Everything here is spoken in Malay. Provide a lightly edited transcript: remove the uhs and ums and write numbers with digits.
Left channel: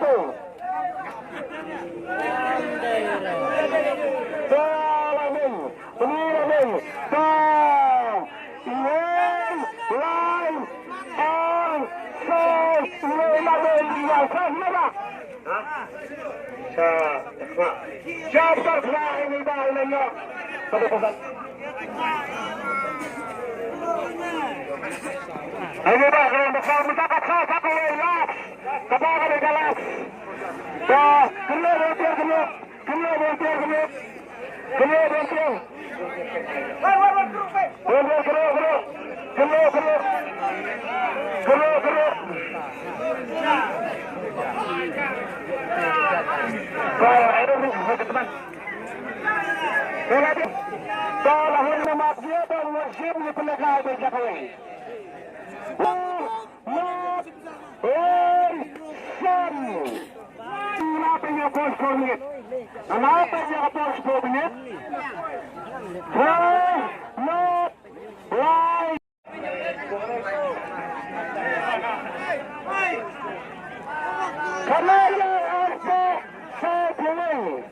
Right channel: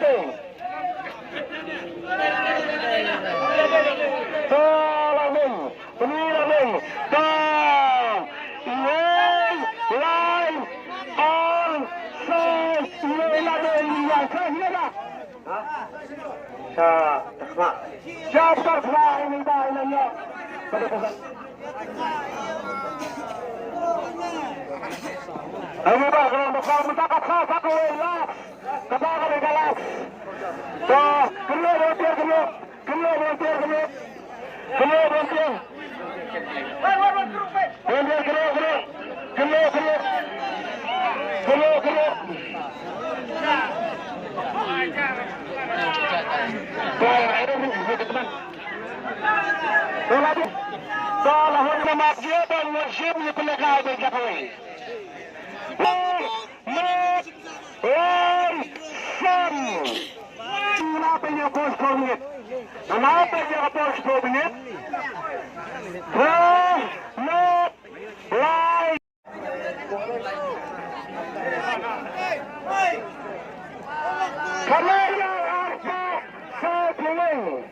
tuh. Tolong, pemilang, down, lain, on, so, lain, yang kehirah. Jawab ini bahannya. Ayo dah, kalau besar mencatat satu ya. Kita akan digalas. Wah, keluar. Kenapa dia bos menit? Kenapa dia bos menit? Karena yang apa saat ini?